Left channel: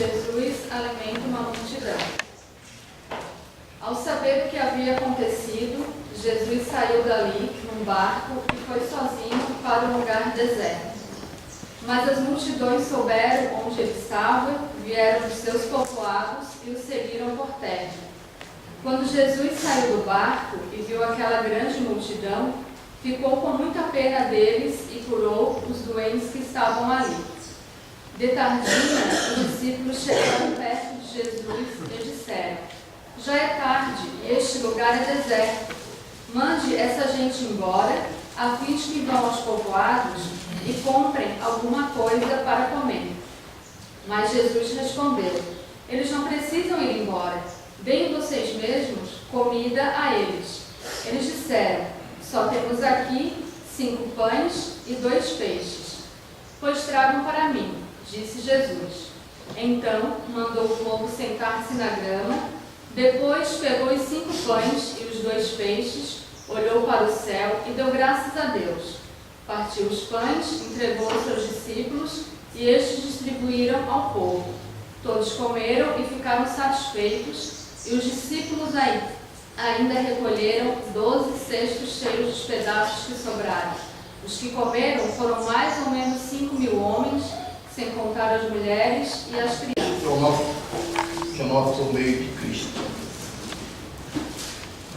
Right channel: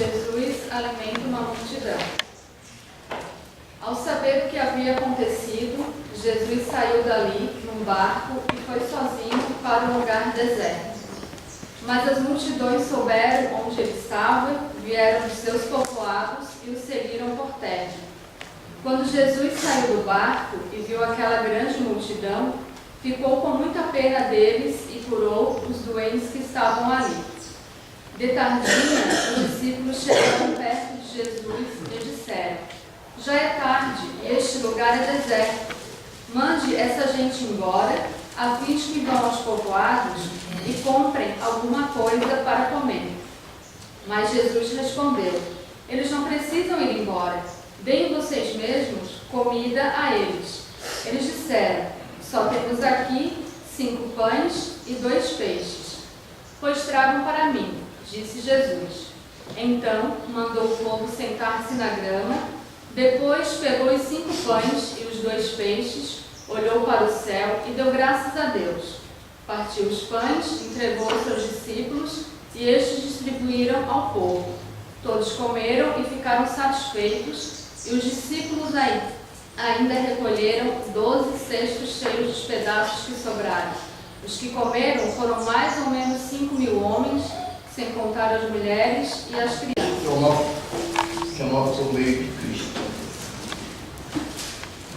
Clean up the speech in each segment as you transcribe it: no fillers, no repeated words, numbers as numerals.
Jesus alimenta uma multidão. Ao saber o que havia acontecido, Jesus saiu dali num barco e foi sozinho para um lugar deserto. Mas as multidões souberam onde ele estava, vieram dos seus povoados e o seguiram por terra. Quando Jesus saiu do barco e viu aquela grande multidão, ficou com muita pena deles e curou os doentes que estavam ali. De tardinha, os discípulos chegaram perto de Jesus e disseram: já é tarde e este lugar é deserto. Mande essa gente embora, a fim de que vão aos povoados e comprem alguma coisa para comer. Mas Jesus respondeu: eles não precisam ir embora. Deem vocês mesmos comida a eles. Eles disseram: só temos aqui 5 pães e 2 peixes. Pois tragam para mim, disse Jesus. Então mandou o povo sentar-se na grama. Depois pegou os 5 pães e os 2 peixes, olhou para o céu e deu graças a Deus. Partiu os pães, entregou aos seus discípulos e estes distribuíram ao povo. Todos comeram e ficaram satisfeitos, e os discípulos ainda recolheram 12 cestos cheios dos pedaços que sobraram. Os que comeram foram mais ou menos 5.000 homens, sem contar as mulheres e as crianças. Que é o nosso meio de Cristo.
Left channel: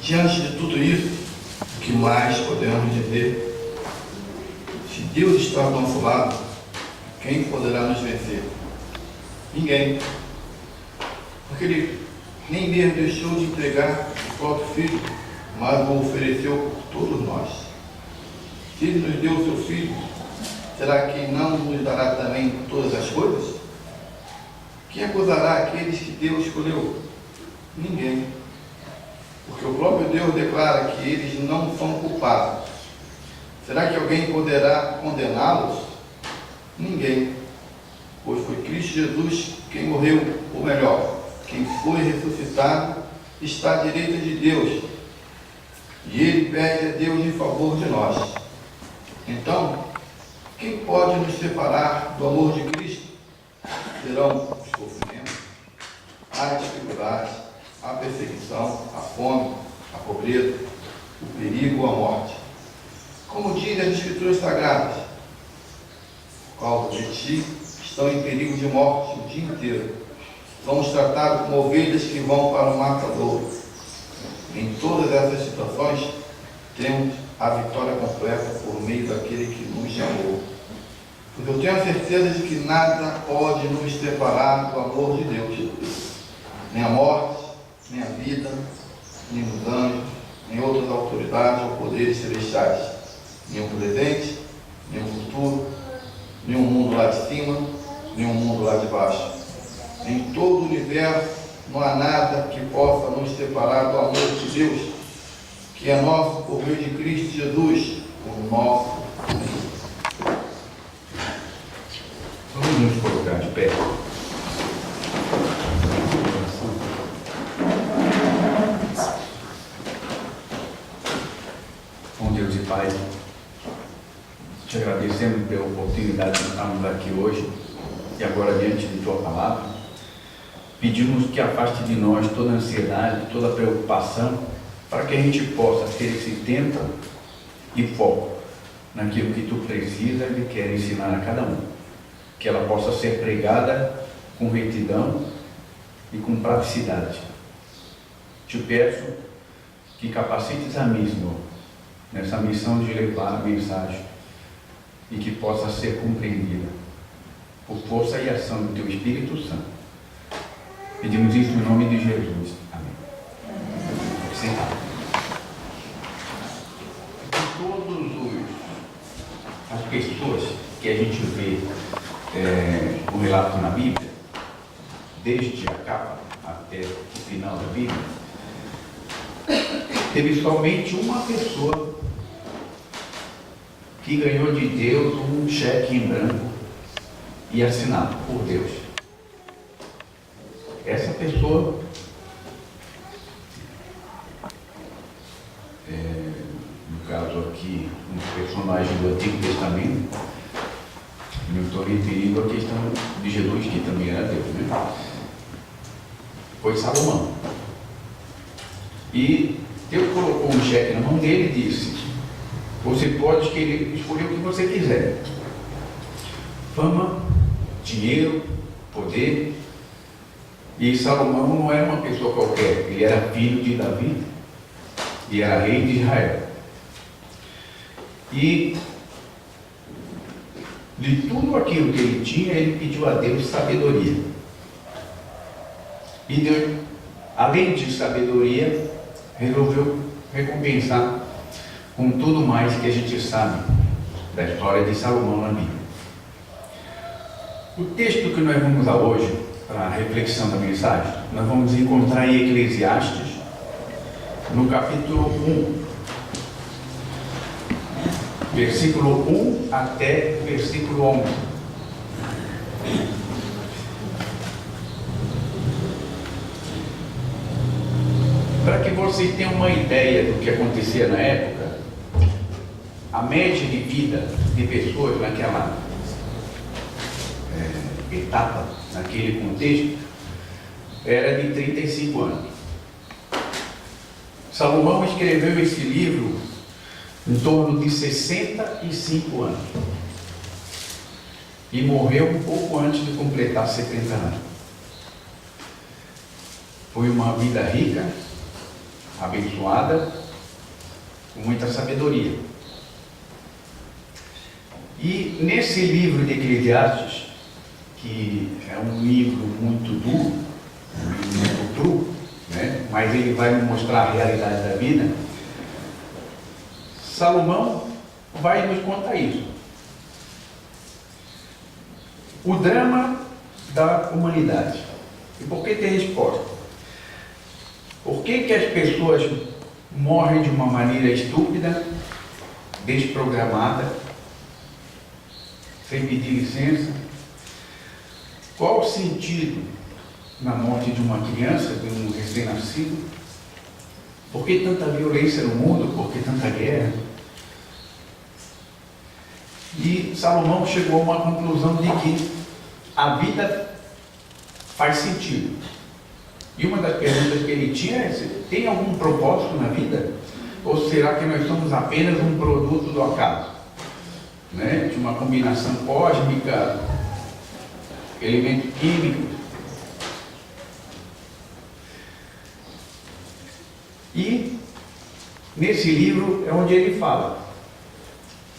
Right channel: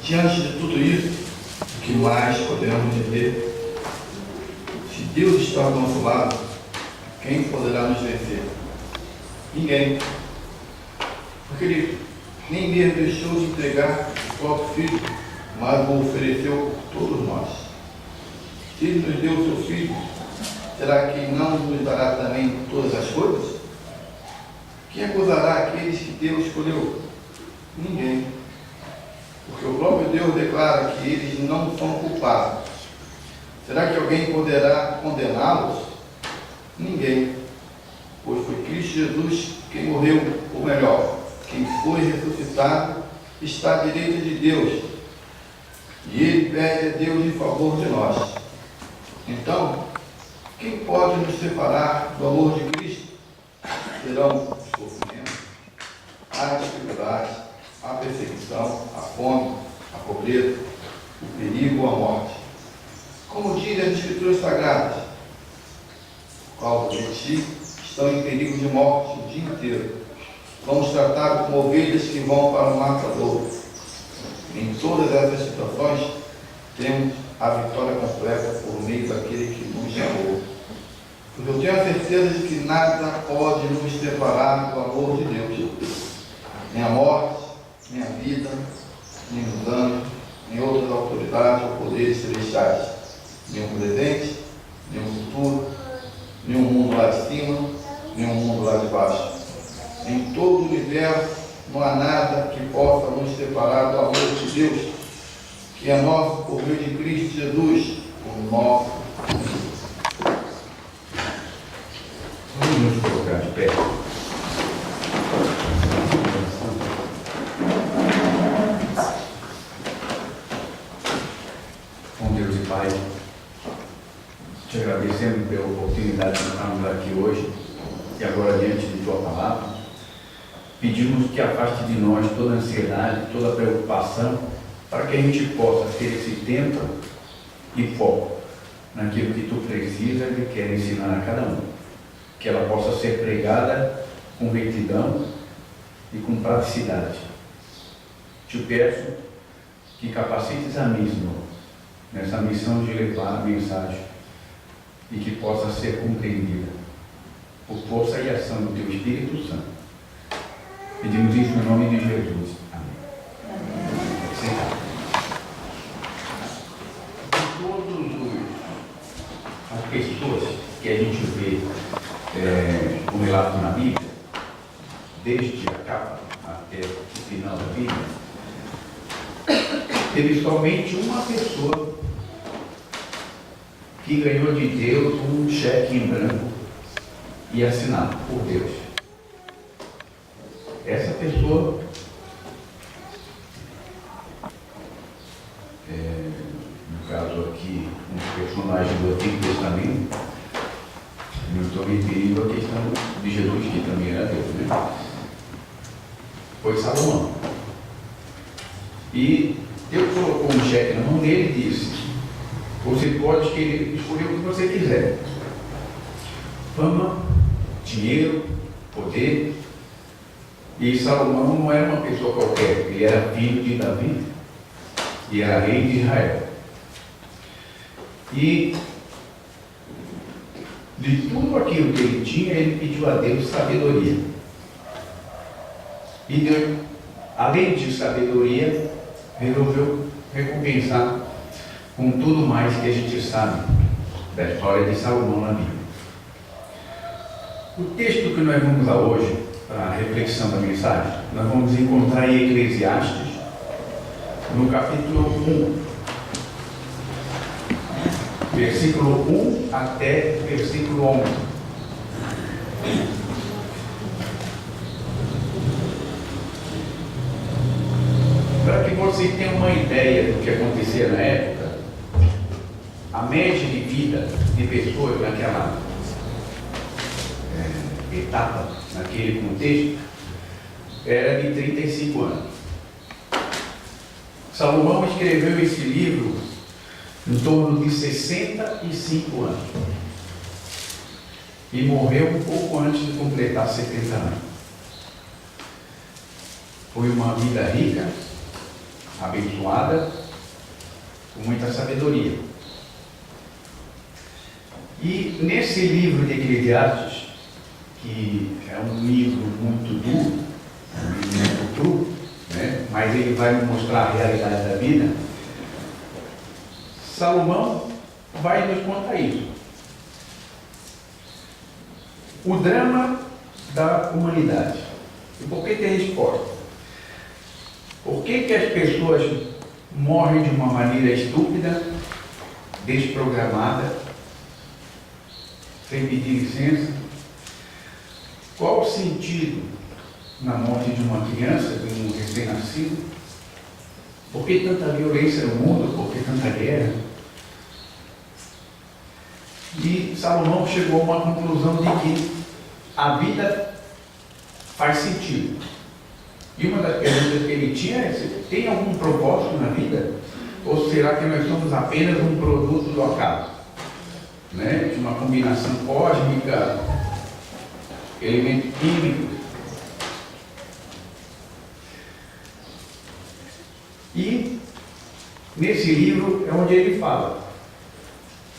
Diante de tudo isso, o que mais podemos dizer? Se Deus está ao nosso lado, quem poderá nos vencer? Ninguém. Porque Ele nem mesmo deixou de entregar o próprio Filho, mas o ofereceu por todos nós. Se Ele nos deu o seu Filho, será que não nos dará também todas as coisas? Quem acusará aqueles que Deus escolheu? Ninguém. Porque o próprio Deus declara que eles não são culpados. Será que alguém poderá condená-los? Ninguém. Pois foi Cristo Jesus quem morreu, ou melhor, quem foi ressuscitado, está à direita de Deus. E Ele pede a Deus em favor de nós. Então, quem pode nos separar do amor de Cristo? Serão os sofrimentos, a dificuldade, a perseguição, a fome, a pobreza, o perigo ou a morte. Como dizem as Escrituras Sagradas, por causa de ti, estão em perigo de morte o dia inteiro. Somos tratados como ovelhas que vão para o matadouro. Em todas essas situações, temos a vitória completa por meio daquele que nos amou. Pois eu tenho a certeza de que nada pode nos separar do amor de Deus. Nem a morte, nem a vida, nem os anjos, nem outras autoridades ou poderes celestiais. Nem o presente, nem o futuro, nem o mundo lá de cima, nem o mundo lá de baixo. Em todo o universo não há nada que possa nos separar do amor de Deus, que é nosso por meio de Cristo Jesus, o nosso Senhor. Vamos nos colocar de pé. Bom Deus e Pai, te agradecemos pela oportunidade de estarmos aqui hoje e agora diante de Tua Palavra. Pedimos que afaste de nós toda a ansiedade, toda a preocupação, para que a gente possa ter esse tempo e foco naquilo que Tu precisa e quer ensinar a cada um. Que ela possa ser pregada com retidão e com praticidade. Te peço que capacites a mim, Senhor, nessa missão de levar a mensagem e que possa ser compreendida por força e ação do Teu Espírito Santo. Pedimos isso em nome de Jesus. Amém. Sentar. De todas as pessoas que a gente vê o relato na Bíblia, desde a capa até o final da Bíblia, teve somente uma pessoa que ganhou de Deus um cheque em branco e assinado por Deus. Essa pessoa no caso aqui, um personagem do Antigo Testamento, não estou me referindo à questão de Jesus, que também era Deus, né? Foi Salomão. E Deus colocou um cheque na mão dele e disse: você pode escolher o que você quiser. Fama, dinheiro, poder. E Salomão não era uma pessoa qualquer, ele era filho de Davi e era rei de Israel. E de tudo aquilo que ele tinha, ele pediu a Deus sabedoria. E Deus, além de sabedoria, resolveu recompensar com tudo mais que a gente sabe da história de Salomão na Bíblia. O texto que nós vamos usar hoje, para a reflexão da mensagem, nós vamos encontrar em Eclesiastes, no capítulo 1, versículo 1 até versículo 11. Para que vocês tenham uma ideia do que acontecia na época, a média de vida de pessoas naquela etapa, naquele contexto, era de 35 anos. Salomão escreveu esse livro em torno de 65 anos e morreu um pouco antes de completar 70 anos. Foi uma vida rica, abençoada, com muita sabedoria. E nesse livro de Eclesiastes, que é um livro muito duro, muito cru, né? Mas ele vai nos mostrar a realidade da vida, Salomão vai nos contar isso. O drama da humanidade. E por que tem resposta? Por que as pessoas morrem de uma maneira estúpida, desprogramada, sem pedir licença? Qual o sentido na morte de uma criança, de um recém-nascido? Por que tanta violência no mundo? Por que tanta guerra? E Salomão chegou a uma conclusão de que a vida faz sentido. E uma das perguntas que ele tinha é: tem algum propósito na vida? Ou será que nós somos apenas um produto do acaso? Né? De uma combinação cósmica, elementos químicos. E nesse livro é onde ele fala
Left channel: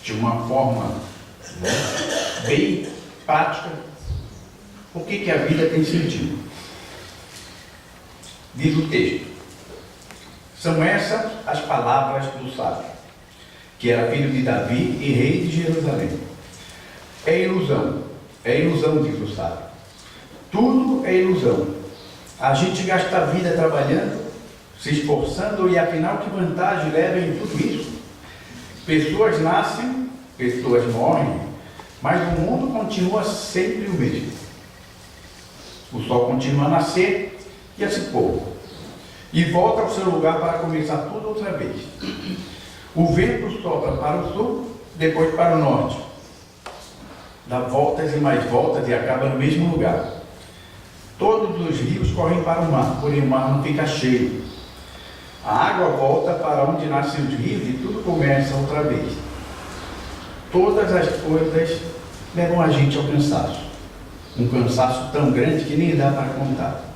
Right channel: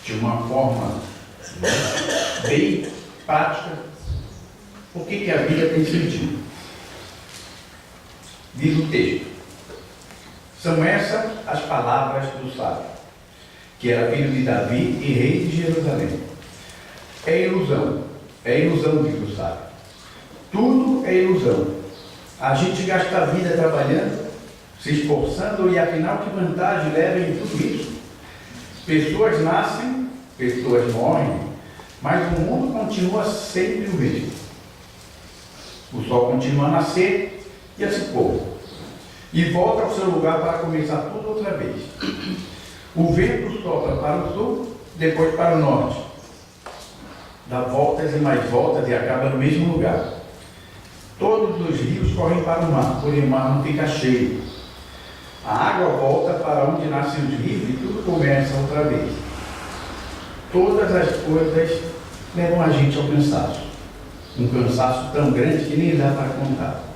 de uma forma bem prática por que a vida tem sentido. Diz o texto: são essas as palavras do sábio, que era filho de Davi e rei de Jerusalém. É ilusão, diz o sábio. Tudo é ilusão. A gente gasta a vida trabalhando, se esforçando, e afinal que vantagem leva em tudo isso? Pessoas nascem, pessoas morrem, mas o mundo continua sempre o mesmo. O sol continua a nascer e a se pôr, e volta ao seu lugar para começar tudo outra vez. O vento sopra para o sul, depois para o norte, dá voltas e mais voltas e acaba no mesmo lugar. Todos os rios correm para o mar, porém o mar não fica cheio. A água volta para onde nascem os rios e tudo começa outra vez. Todas as coisas levam a gente ao cansaço. Um cansaço tão grande que nem dá para contar.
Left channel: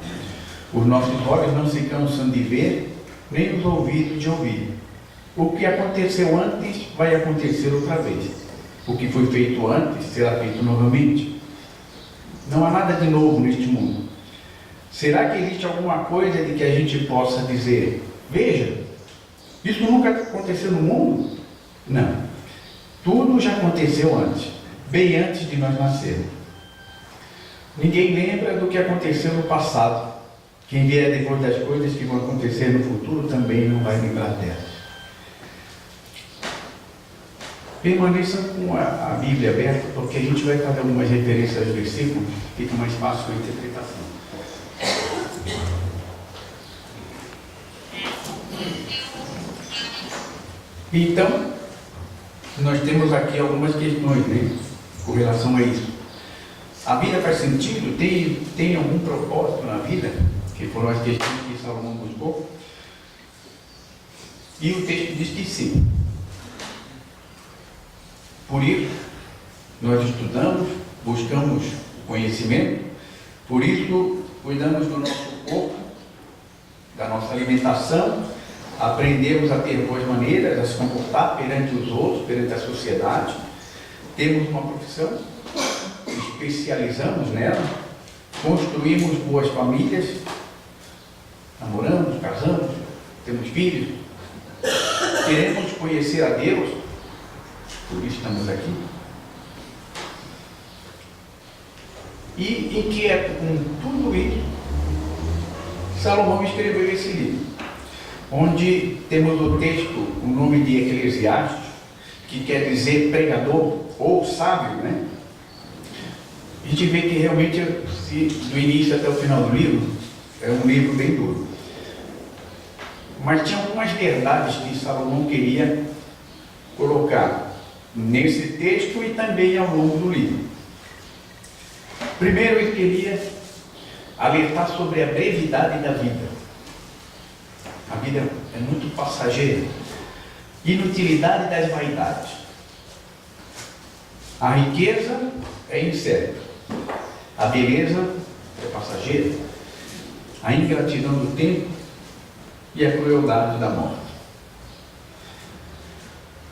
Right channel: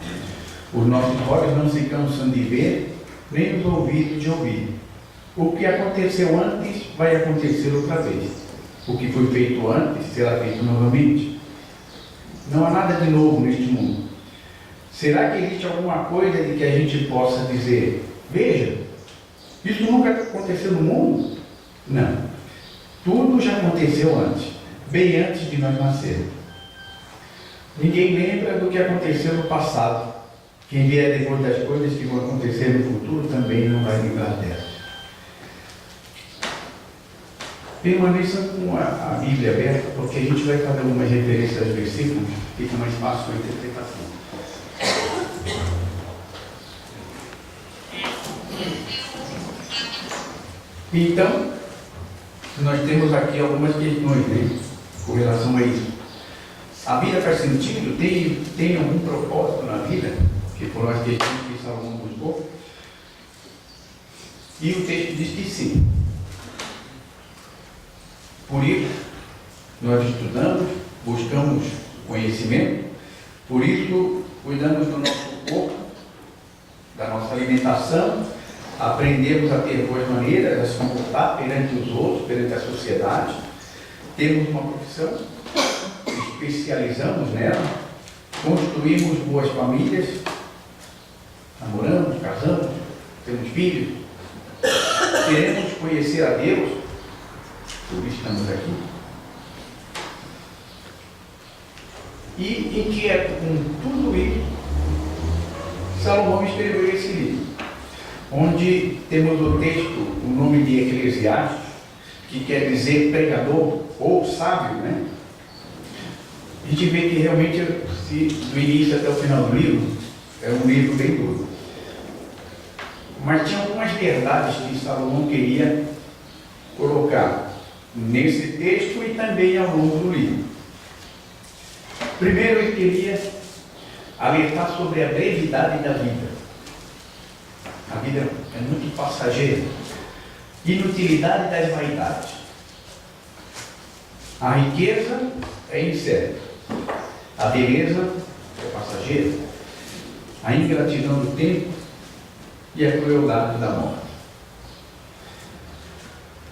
Os nossos olhos não se cansam de ver, nem os ouvidos de ouvir. O que aconteceu antes vai acontecer outra vez. O que foi feito antes será feito novamente. Não há nada de novo neste mundo. Será que existe alguma coisa de que a gente possa dizer, veja, isso nunca aconteceu no mundo? Não. Tudo já aconteceu antes, bem antes de nós nascermos. Ninguém lembra do que aconteceu no passado. Quem vier depois das coisas que vão acontecer no futuro também não vai lembrar delas. Permaneçam com a Bíblia aberta, porque a gente vai fazer algumas referências aos versículos, fica mais fácil a interpretação. Então, nós temos aqui algumas questões, né, com relação a isso. A vida faz sentido? Tem algum propósito na vida? Que foram as questões que Salomão buscou. E o texto diz que sim. Por isso, nós estudamos, buscamos conhecimento, por isso, cuidamos do nosso corpo, da nossa alimentação, aprendemos a ter boas maneiras, a se comportar perante os outros, perante a sociedade, temos uma profissão, especializamos nela, construímos boas famílias, namoramos, casamos, temos filhos, queremos conhecer a Deus, por isso estamos aqui. E inquieto com tudo isso, Salomão escreveu esse livro, onde temos o texto, o nome de Eclesiastes, que quer dizer pregador ou sábio, né? A gente vê que realmente, do início até o final do livro, é um livro bem duro. Mas tinha algumas verdades que Salomão queria colocar nesse texto e também ao longo do livro. Primeiro, ele queria alertar sobre a brevidade da vida. A vida é muito passageira. Inutilidade das vaidades. A riqueza é incerta. A beleza é passageira. A ingratidão do tempo e a crueldade da morte.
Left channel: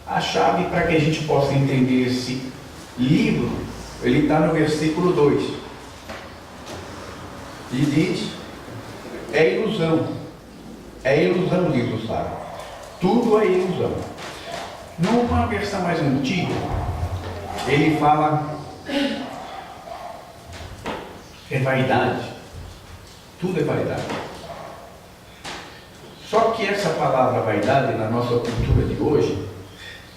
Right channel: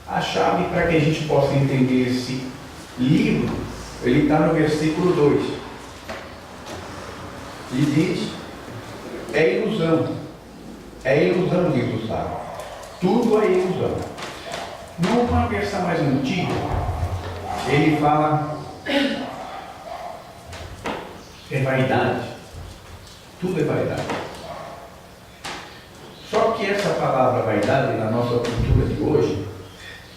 A chave para que a gente possa entender esse livro, ele está no versículo 2. E diz, é ilusão, diz o sábio. Tudo é ilusão. Numa versão mais antiga, ele fala, é vaidade. Tudo é vaidade. Só que essa palavra vaidade, na nossa cultura de hoje,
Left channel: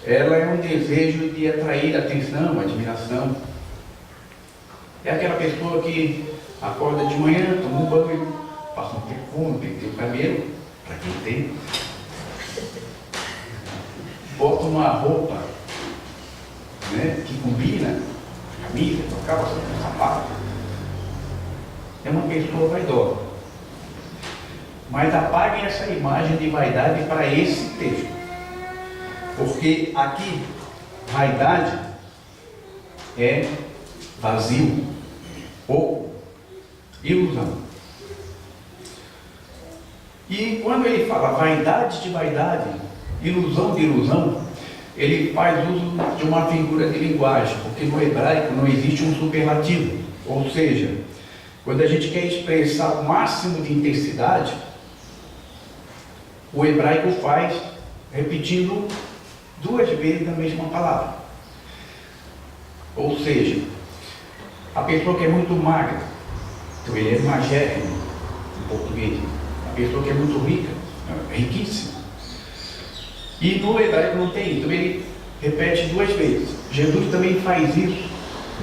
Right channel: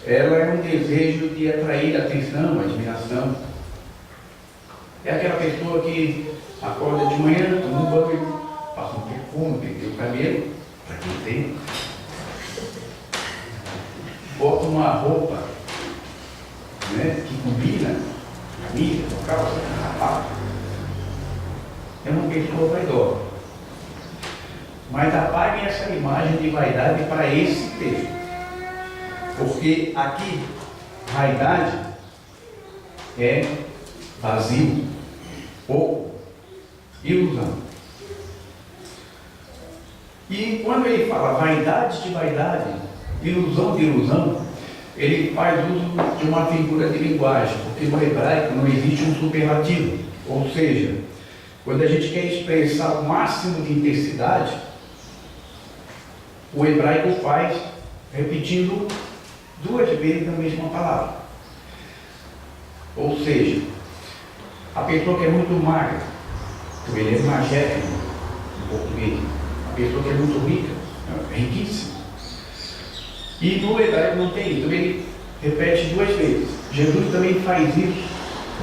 ela é um desejo de atrair atenção, admiração. É aquela pessoa que acorda de manhã, toma um banho, passa um perfume, penteia o cabelo, para quem tem, bota uma roupa, né, que combina, camisa, calça, sapato. É uma pessoa vaidosa. Mas apaguem essa imagem de vaidade para esse texto. Porque aqui, vaidade é vazio, pouco, ilusão. E quando ele fala vaidade de vaidade, ilusão de ilusão, ele faz uso de uma figura de linguagem, porque no hebraico não existe um superlativo. Ou seja, quando a gente quer expressar o máximo de intensidade, o hebraico faz repetindo 2 vezes a mesma palavra. Ou seja, a pessoa que é muito magra, então ele é magérrimo em português. A pessoa que é muito rica, é riquíssima. E no hebraico não tem, então ele repete 2 vezes. Jesus também faz isso,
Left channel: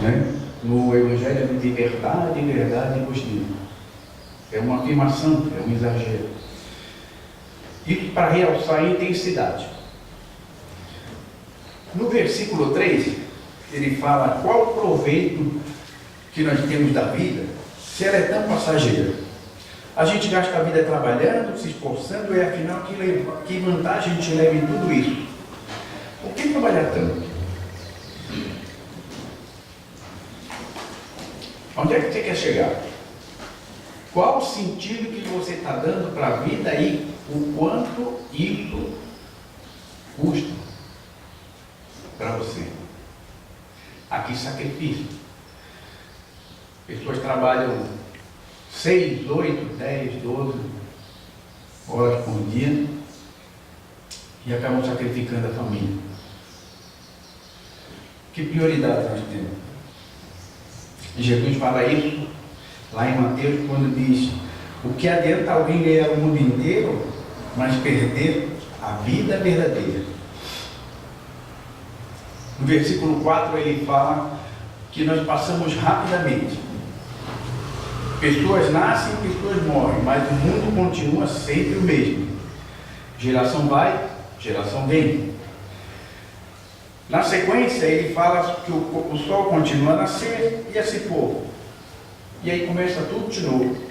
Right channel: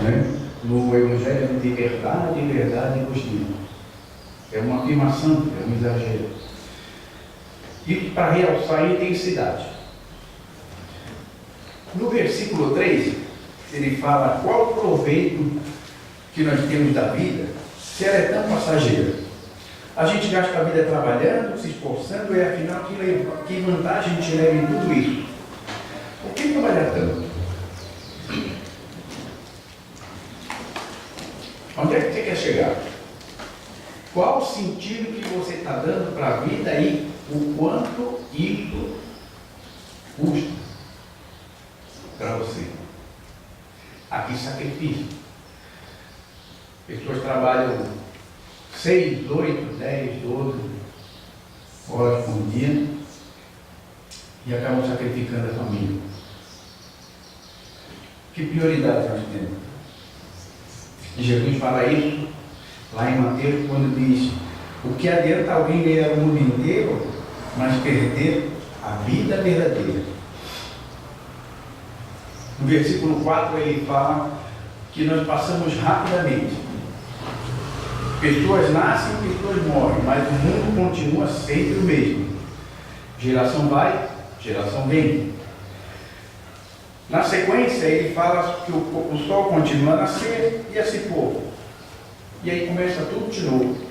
né? No Evangelho de verdade, verdade vos digo. É uma afirmação, é um exagero. Isso para realçar a intensidade. No versículo 3, ele fala qual o proveito que nós temos da vida, se ela é tão passageira. A gente gasta a vida trabalhando, se esforçando, e afinal que vantagem a gente leva em tudo isso? Por que trabalhar tanto? Onde é que você quer chegar? Qual o sentido que você está dando para a vida e o quanto isso custa para você? Aqui sacrifício. Pessoas trabalham 6, 8, 10, 12 horas por dia e acabam sacrificando a família. Que prioridade nós temos? Jesus fala isso lá em Mateus, quando diz: o que adianta alguém ganhar o mundo inteiro, mas perder a vida verdadeira? No versículo 4 ele fala que nós passamos rapidamente. Pessoas nascem, pessoas morrem, mas o mundo continua sempre o mesmo. Geração vai, geração vem. Na sequência ele fala que o sol continua a nascer e a se pôr. E aí começa tudo de novo.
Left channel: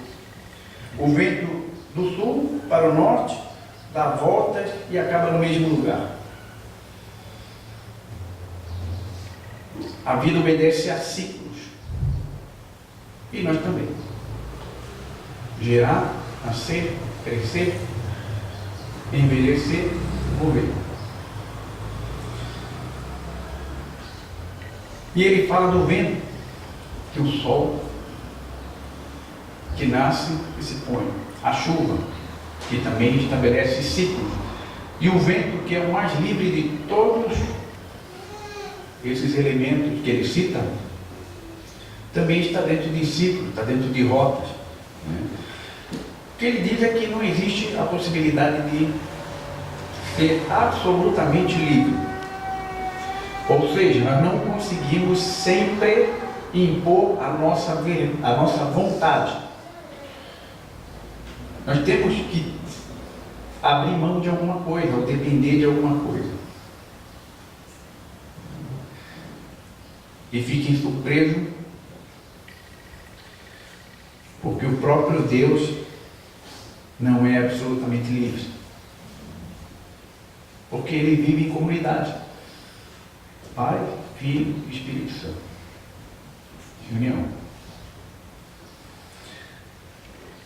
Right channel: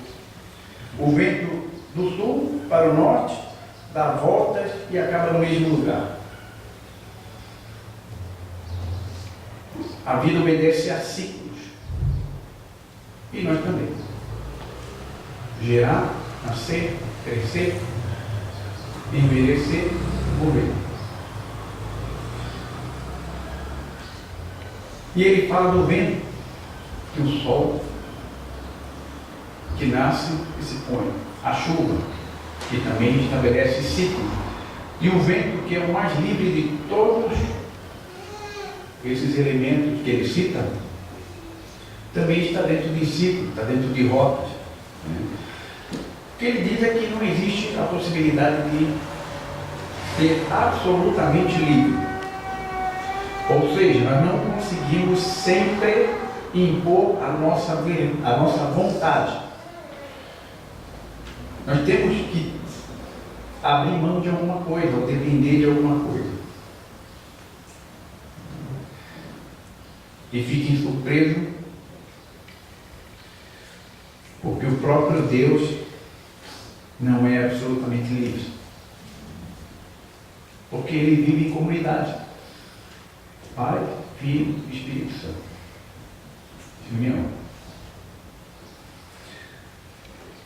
O vento do sul para o norte dá voltas e acaba no mesmo lugar. A vida obedece a ciclos. E nós também. Gerar, nascer, crescer, envelhecer, morrer. E ele fala do vento, que o sol que nasce e se põe, a chuva, que também estabelece ciclos, e o vento, que é o mais livre de todos esses elementos que ele cita, também está dentro de ciclos, está dentro de rotas. O que ele diz é que não existe a possibilidade de ser absolutamente livre. Ou seja, nós não conseguimos sempre impor a nossa vontade. Nós temos que abrir mão de alguma coisa, ou depender de alguma coisa. E fiquem surpresos, porque o próprio Deus não é absolutamente livre. Porque ele vive em comunidade. Pai, Filho e Espírito Santo. União.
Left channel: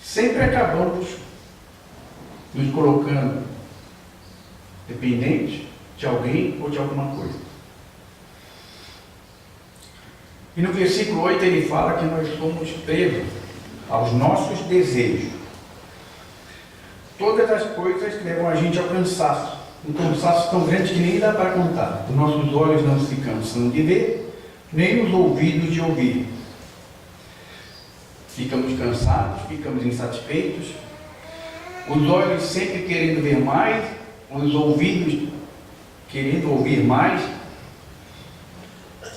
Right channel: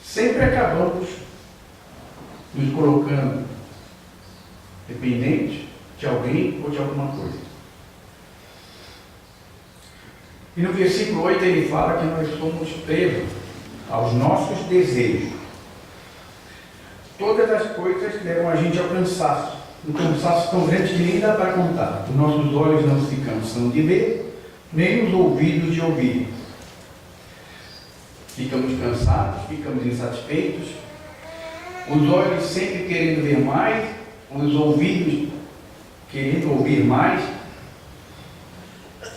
Sempre acabamos nos colocando dependentes de alguém ou de alguma coisa. E no versículo 8 ele fala que nós somos presos aos nossos desejos. Todas as coisas levam a gente ao cansaço. Um cansaço tão grande que nem dá para contar. Os nossos olhos não se cansam de ver, nem os ouvidos de ouvir. Ficamos cansados, ficamos insatisfeitos. Os olhos sempre querendo ver mais, os ouvidos querendo ouvir mais.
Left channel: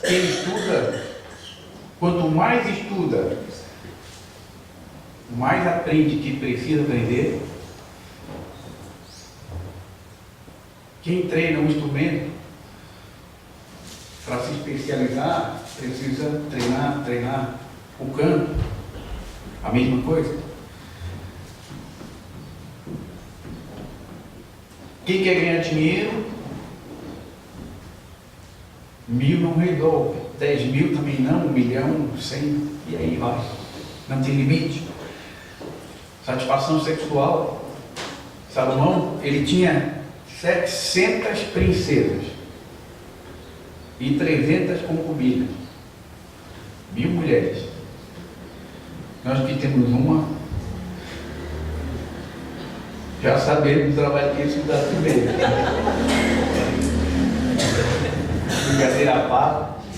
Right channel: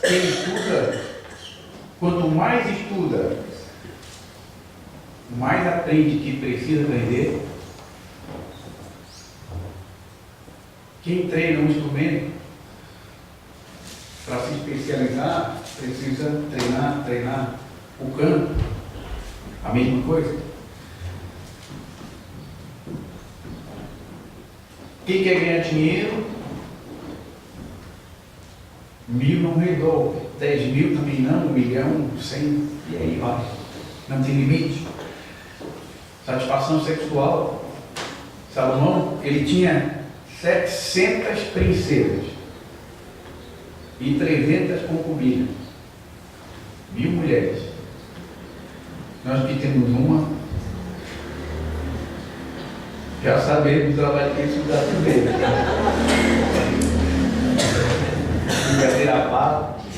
Quem estuda, quanto mais estuda, mais aprende que precisa aprender. Quem treina um instrumento para se especializar, precisa treinar o canto. A mesma coisa. Quem quer ganhar dinheiro, 1.000 não resolve, 10.000 também não, 1 milhão, 100, e aí vai. Não tem limite. Satisfação sexual. Salomão, ele tinha 700 princesas e 300 concubinas, 1.000 mulheres. Nós que temos uma, já sabemos o trabalho que isso dá também. Brincadeira à parte,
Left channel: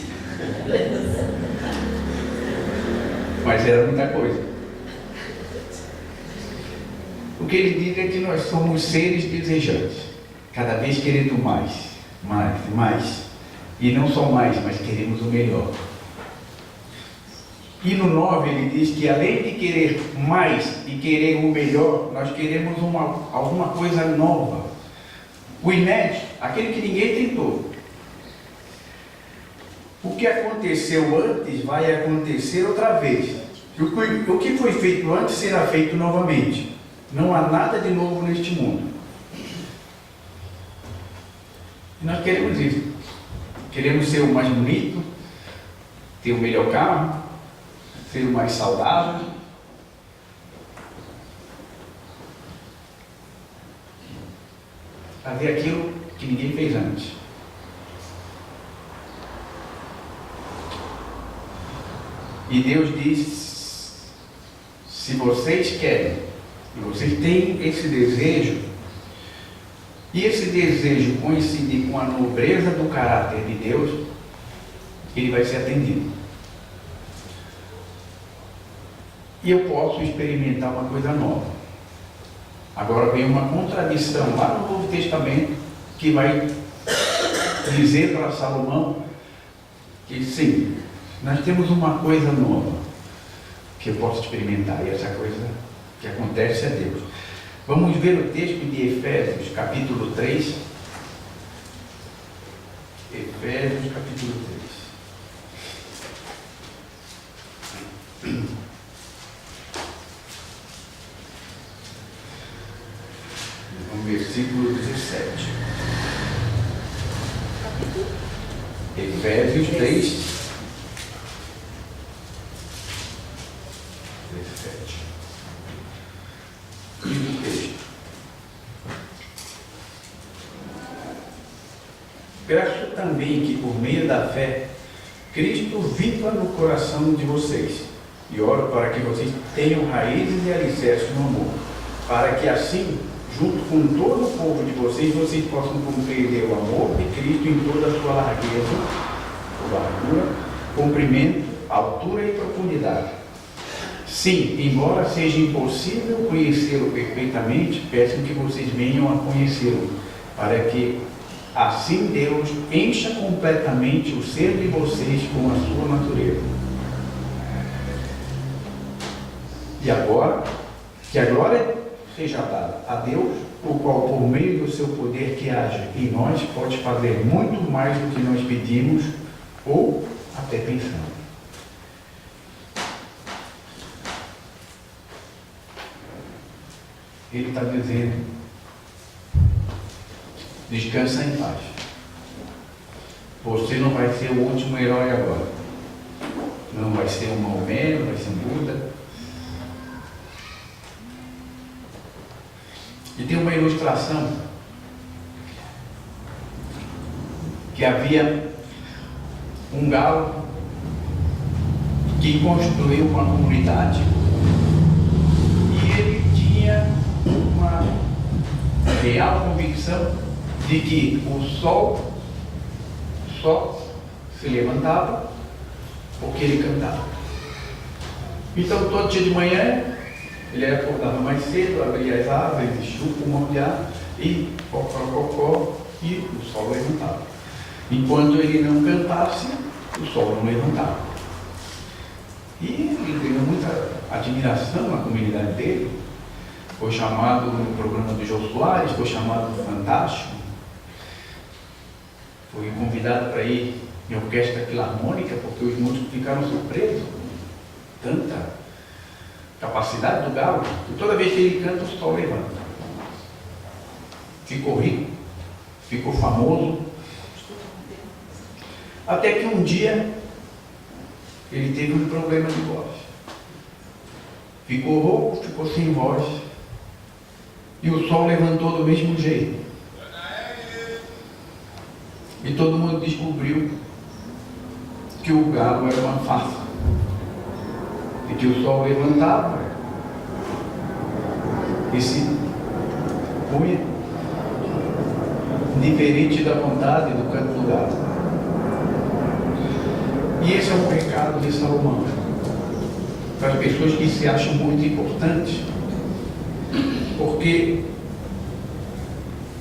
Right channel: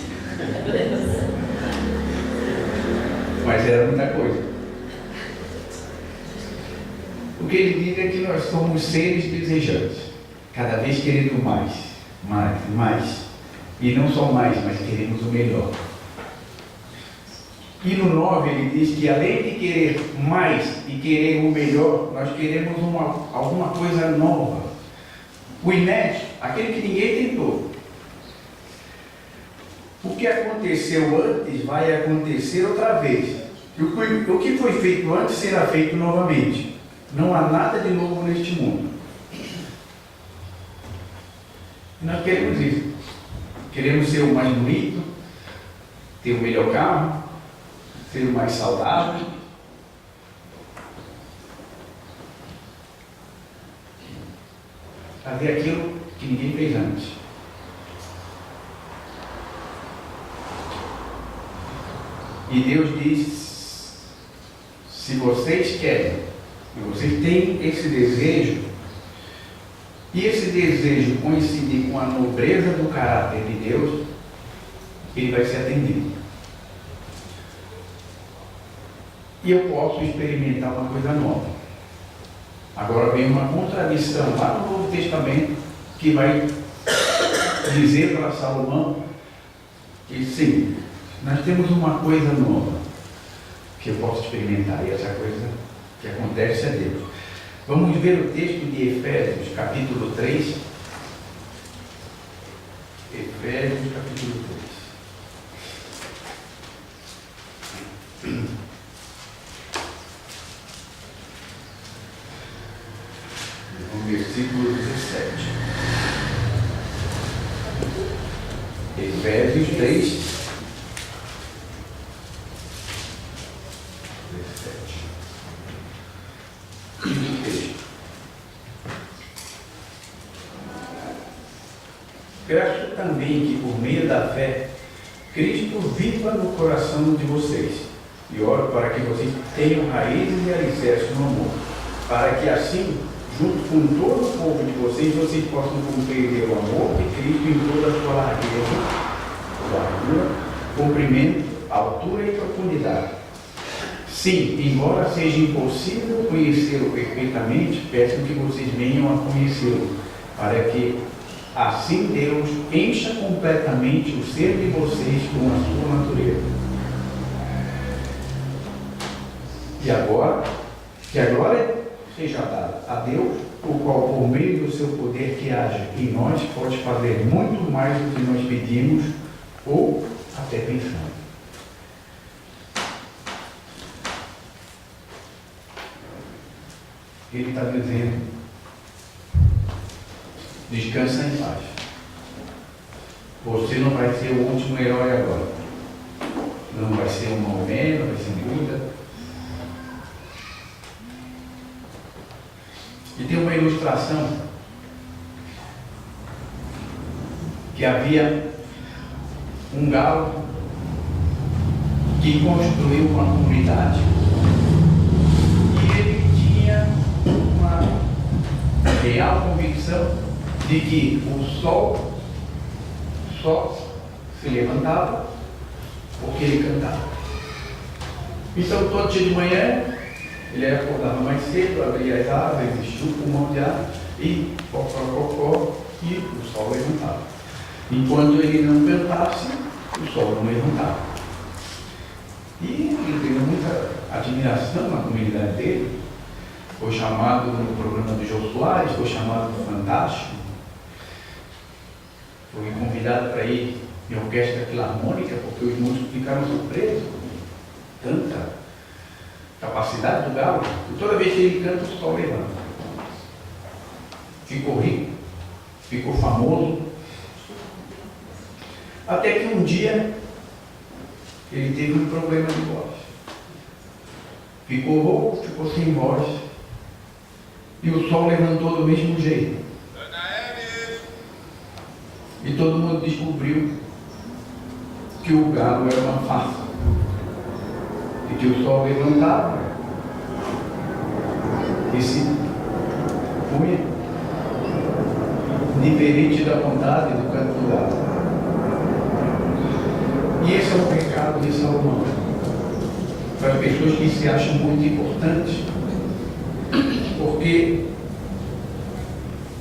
mas era muita coisa. O que ele diz é que nós somos seres desejantes, cada vez querendo mais, e não só mais, mas queremos o melhor. E no 9 ele diz que além de querer mais e querer o melhor, nós queremos alguma coisa nova, o inédito, aquele que ninguém tentou. O que aconteceu antes vai acontecer outra vez. O que foi feito antes será feito novamente. Não há nada de novo neste mundo. E nós queremos isso. Queremos ser o mais bonito, ter o melhor carro, ser o mais saudável. Fazer aquilo que ninguém fez antes. E Deus diz: se vocês querem, e vocês têm esse desejo, e esse desejo coincidir com a nobreza do caráter de Deus, ele vai ser atendido. E eu posso experimentar uma coisa nova. Agora vem uma contradição lá no Novo Testamento que vai dizer para Salomão que sim, nós temos uma coisa nova que eu posso experimentar, e essa coisa que acontece é Deus. Vamos ver o texto de Efésios, capítulo 3. Efésios, capítulo 3. No versículo 17. Efésios 3, 17. E o texto. Peço também que, por meio da fé, Cristo viva no coração de vocês, e oro para que vocês tenham raízes e alicerces no amor, para que assim, junto com todo o povo de vocês possam compreender o amor de Cristo em toda a sua largueza, largura, comprimento, altura e profundidade. Sim, embora seja impossível conhecê-lo perfeitamente, peço que vocês venham a conhecê-lo, para que assim Deus encha completamente o ser de vocês com a sua natureza. E agora, que a glória seja dada a Deus, o qual, por meio do seu poder que age em nós, pode fazer muito mais do que nós pedimos ou até pensamos. Ele está dizendo: descansa em paz. Você não vai ser o último herói agora. Não vai ser um Maomé, não vai ser um Buda. E tem uma ilustração que havia um galo que construiu uma comunidade e ele tinha uma real convicção de que o sol só se levantava porque ele cantava. Então todo dia de manhã ele acordava mais cedo, abria as árvores, chupa um monte de ar e cocó, e o sol levantava. Enquanto ele não cantasse, o sol não levantava. E ele ganhou muita admiração na comunidade dele. Foi chamado no programa do Jô Soares, foi chamado do Fantástico. Foi convidado para ir em orquestra filarmônica, porque os músicos ficaram surpresos com tanta capacidade do galo, e toda vez que ele canta, o sol levanta. Ficou rico, ficou famoso, até que um dia ele teve um problema de voz. Ficou rouco, ficou sem voz, e o sol levantou do mesmo jeito. E todo mundo descobriu que o galo era uma farsa, e que o sol levantava e se punha diferente da vontade do canto do galo. E esse é o pecado de Salomão, para as pessoas que se acham muito importantes, porque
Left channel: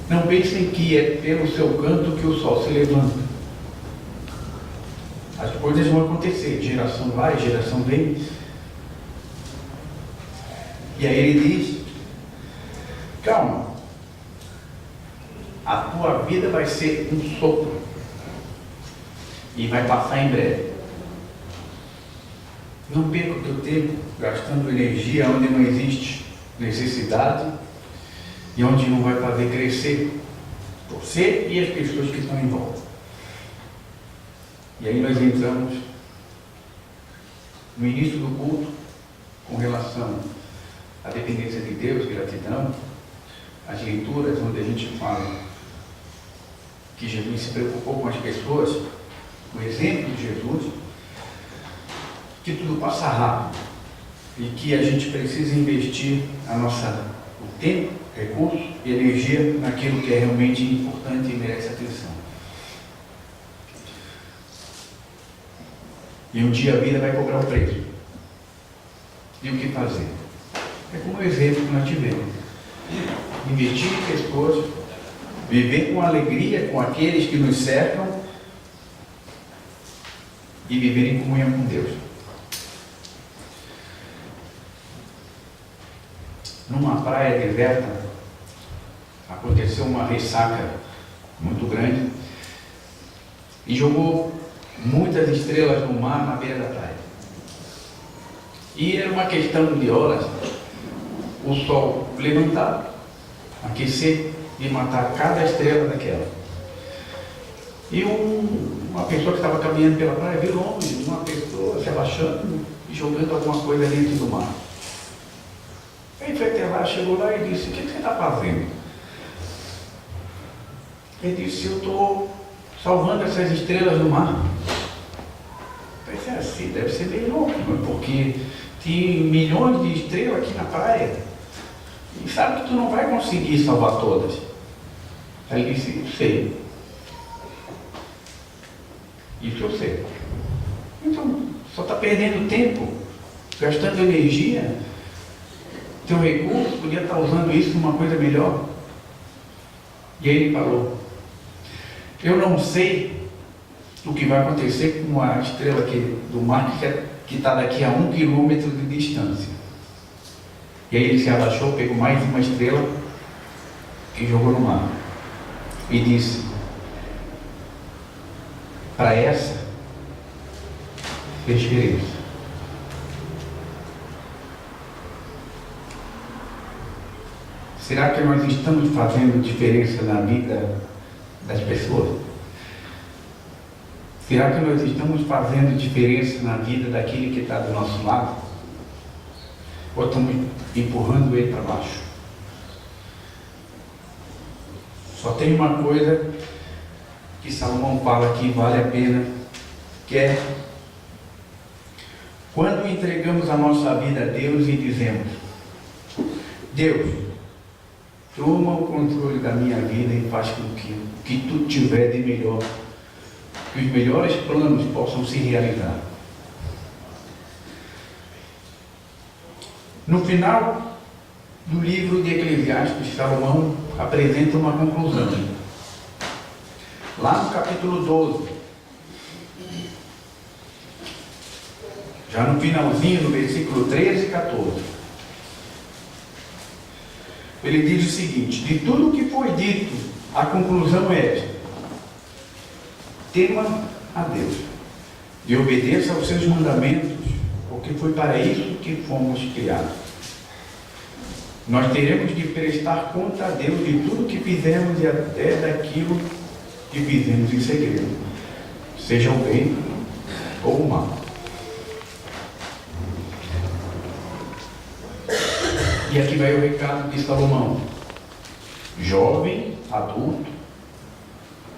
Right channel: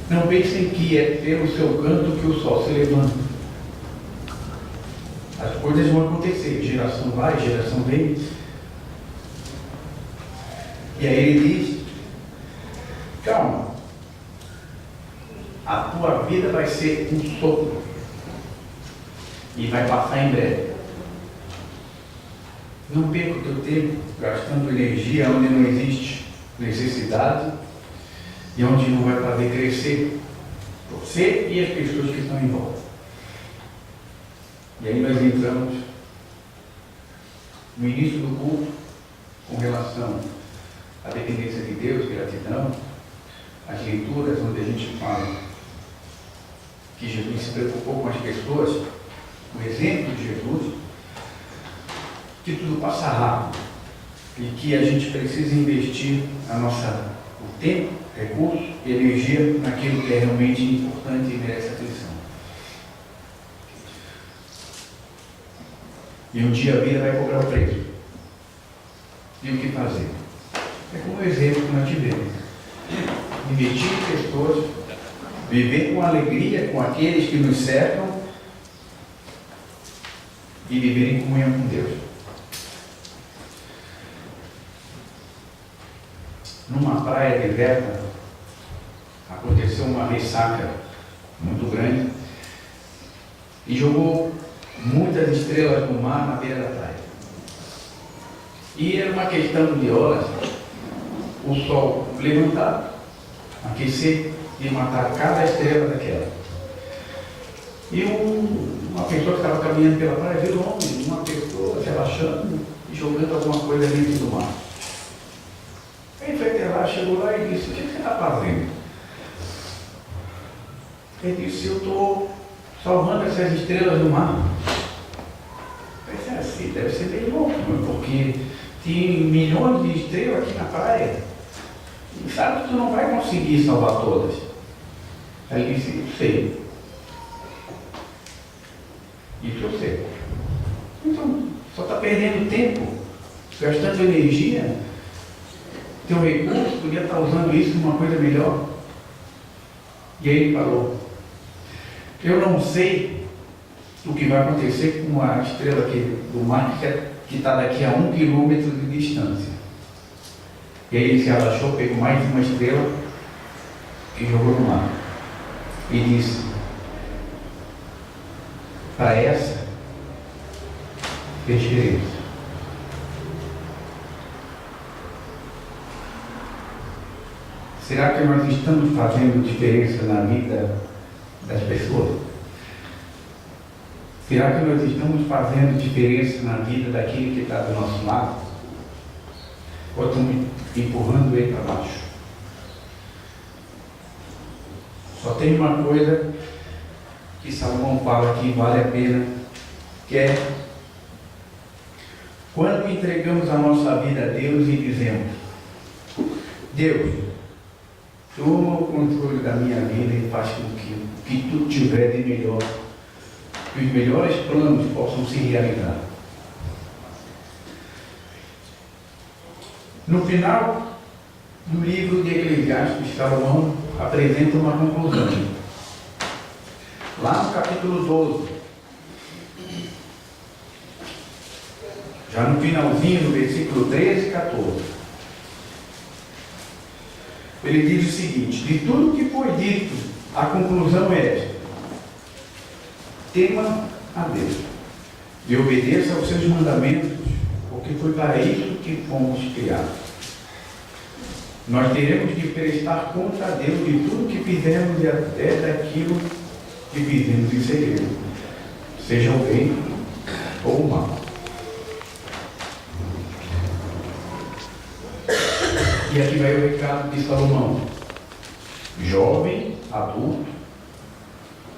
não pensem que é pelo seu canto que o sol se levanta. As coisas vão acontecer, geração vai, geração vem. E aí ele diz: calma, a tua vida vai ser um sopro e vai passar em breve. Não perca o teu tempo gastando energia onde não existe necessidade e onde não vai fazer crescer você e as pessoas que estão em volta. E aí nós entramos no início do culto com relação à dependência de Deus, gratidão, as leituras onde a gente fala que Jesus se preocupou com as pessoas, o exemplo de Jesus, que tudo passa rápido. e que a gente precisa investir o tempo, recursos e energia naquilo que é realmente importante e merece atenção. E um dia a vida vai cobrar o preço. E o que fazer? É como o exemplo que nós tivemos. Investir em pessoas, viver com alegria com aqueles que nos cercam e viver em comunhão com Deus. Numa praia deserta, aconteceu uma ressaca muito grande e jogou muitas estrelas no mar na beira da praia. E era uma questão de horas o sol levantar, aquecer e matar cada estrela daquela. E uma pessoa que estava caminhando pela praia viu longe uma pessoa relaxando e jogando alguma coisa dentro do mar. Ele foi até lá, chegou lá e disse: o que você está fazendo? Ele disse: eu estou salvando essas estrelas do mar. Eu pensei assim, deve ser bem louco, porque tem milhões de estrelas aqui na praia e sabe que tu não vai conseguir salvar todas. Aí ele disse: eu sei. Isso eu sei. Então, só está perdendo tempo, gastando energia. Teu recurso podia estar usando isso numa coisa melhor. E aí ele falou: eu não sei o que vai acontecer com a estrela aqui do mar que está daqui a 1 quilômetro de distância. E aí ele se abaixou, pegou mais uma estrela e jogou no mar. E disse: para essa fez diferença. Será que nós estamos fazendo diferença na vida das pessoas? Será que nós estamos fazendo diferença na vida daquele que está do nosso lado? Ou estamos empurrando ele para baixo? Só tem uma coisa que Salomão fala que vale a pena, que é quando entregamos a nossa vida a Deus e dizemos: Deus, toma o controle da minha vida e faz com que o que tu tiver de melhor, que os melhores planos possam se realizar. No final do livro de Eclesiastes, Salomão apresenta uma conclusão. Lá no capítulo 12, já no finalzinho, no versículo 13 e 14, ele diz o seguinte: de tudo que foi dito, a conclusão é esta: tema a Deus e obedeça aos seus mandamentos, porque foi para isso que fomos criados. Nós teremos de prestar conta a Deus de tudo que fizemos e até daquilo que fizemos em segredo, seja o bem ou o mal. E aqui vai o recado de Salomão: jovem, adulto,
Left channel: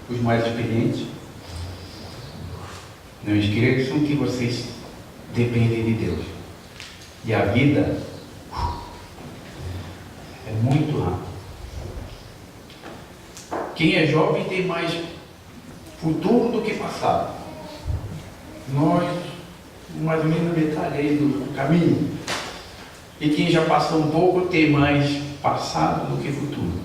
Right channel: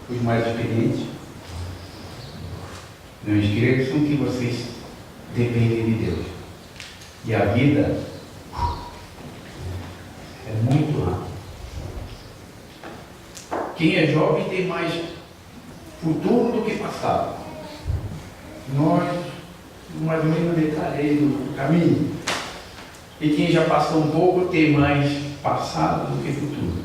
os mais experientes, não esqueçam que vocês dependem de Deus. E a vida é muito rápida. Quem é jovem tem mais futuro do que passado. Nós, mais ou menos metade aí do caminho. E quem já passou um pouco tem mais passado do que futuro.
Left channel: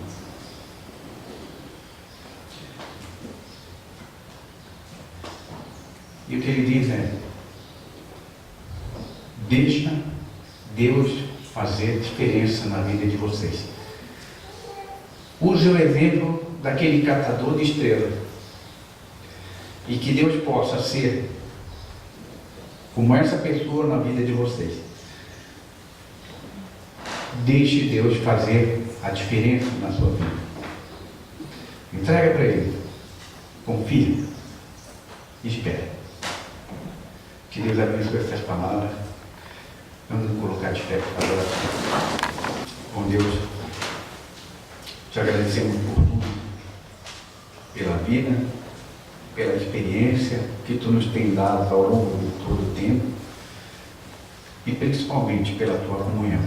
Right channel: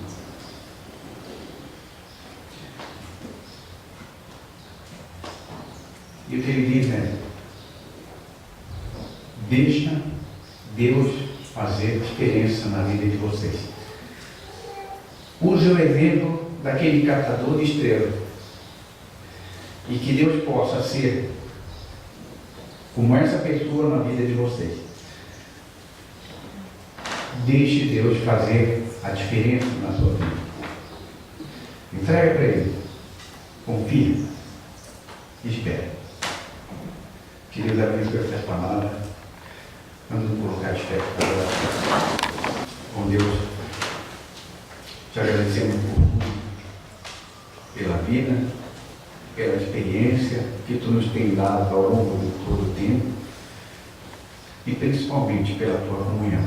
E o que ele diz é: deixa Deus fazer diferença na vida de vocês. Use o exemplo daquele catador de estrelas. E que Deus possa ser como essa pessoa na vida de vocês. Deixe Deus fazer a diferença na sua vida. Entrega para Ele. Confia. Espere. Que Deus abençoe essas palavras. Vamos colocar de fé para orar. Com Deus, te agradecemos por tudo, pela vida, pela experiência que tu nos tem dado ao longo de todo o tempo. e principalmente pela tua comunhão.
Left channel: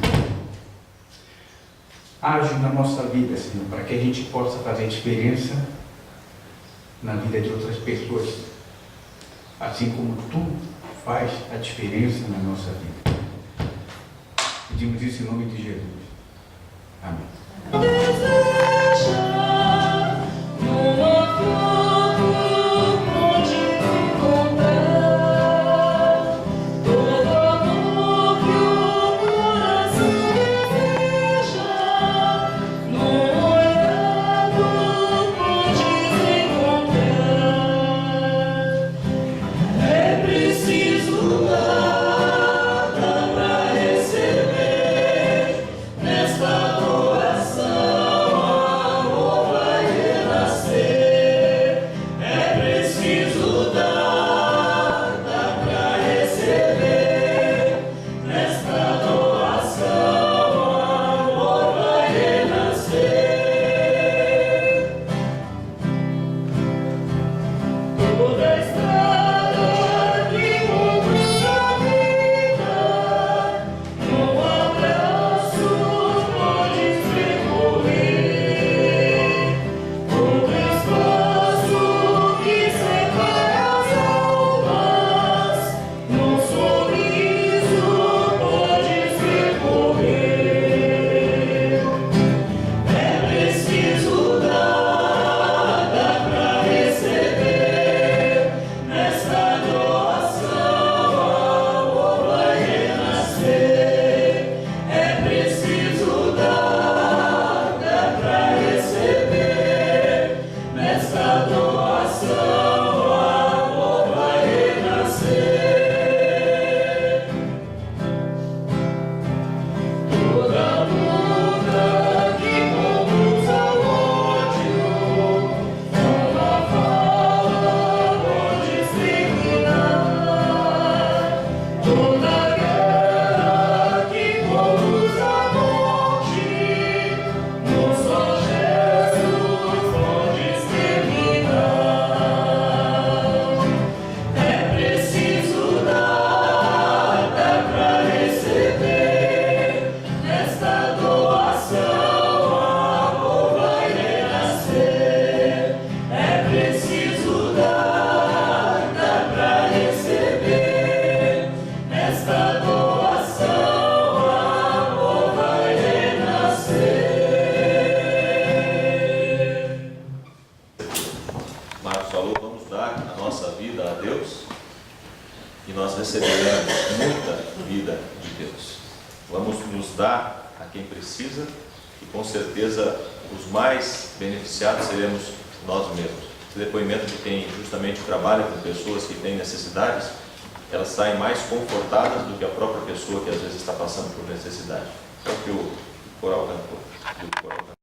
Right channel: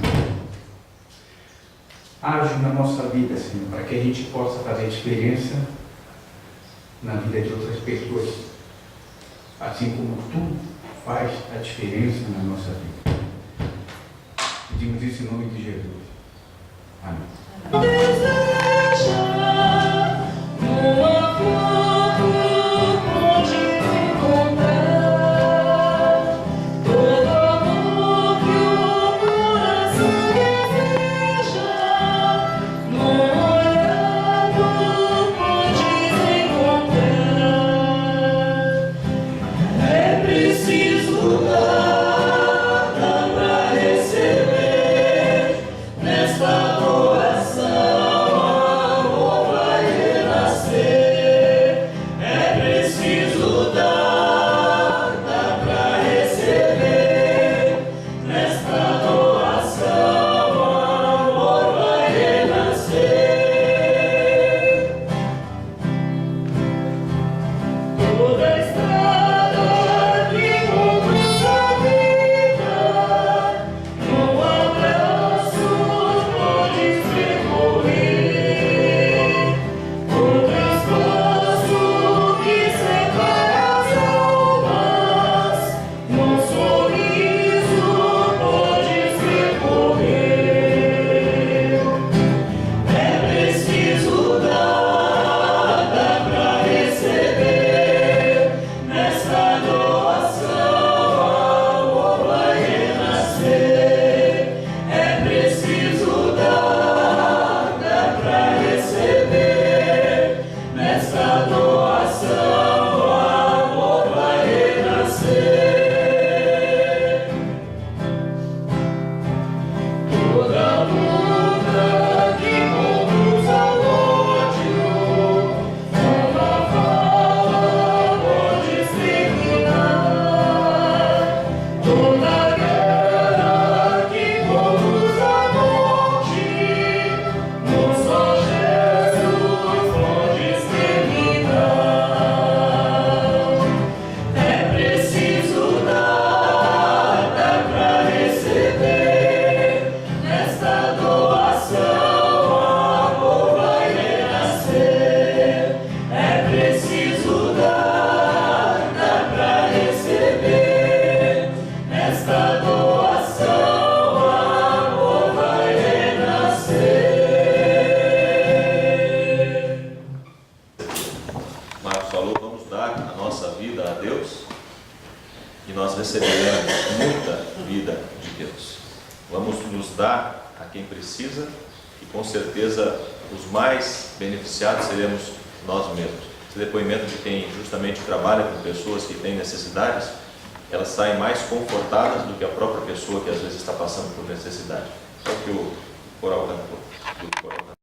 Age na nossa vida, Senhor, para que a gente possa fazer diferença na vida de outras pessoas, assim como tu faz a diferença na nossa vida. Pedimos isso em nome de Jesus. Amém. receberemos muita vida de Deus. Vamos nos dar a quem precisa e com certeza os mais beneficiados seremos nós mesmos. Esse depoimento de quem justamente trabalha com pessoas que têm necessidades, elas saem mais confortadas do que a própria pessoa que às vezes está passando por necessidade. É o que o coral cantou.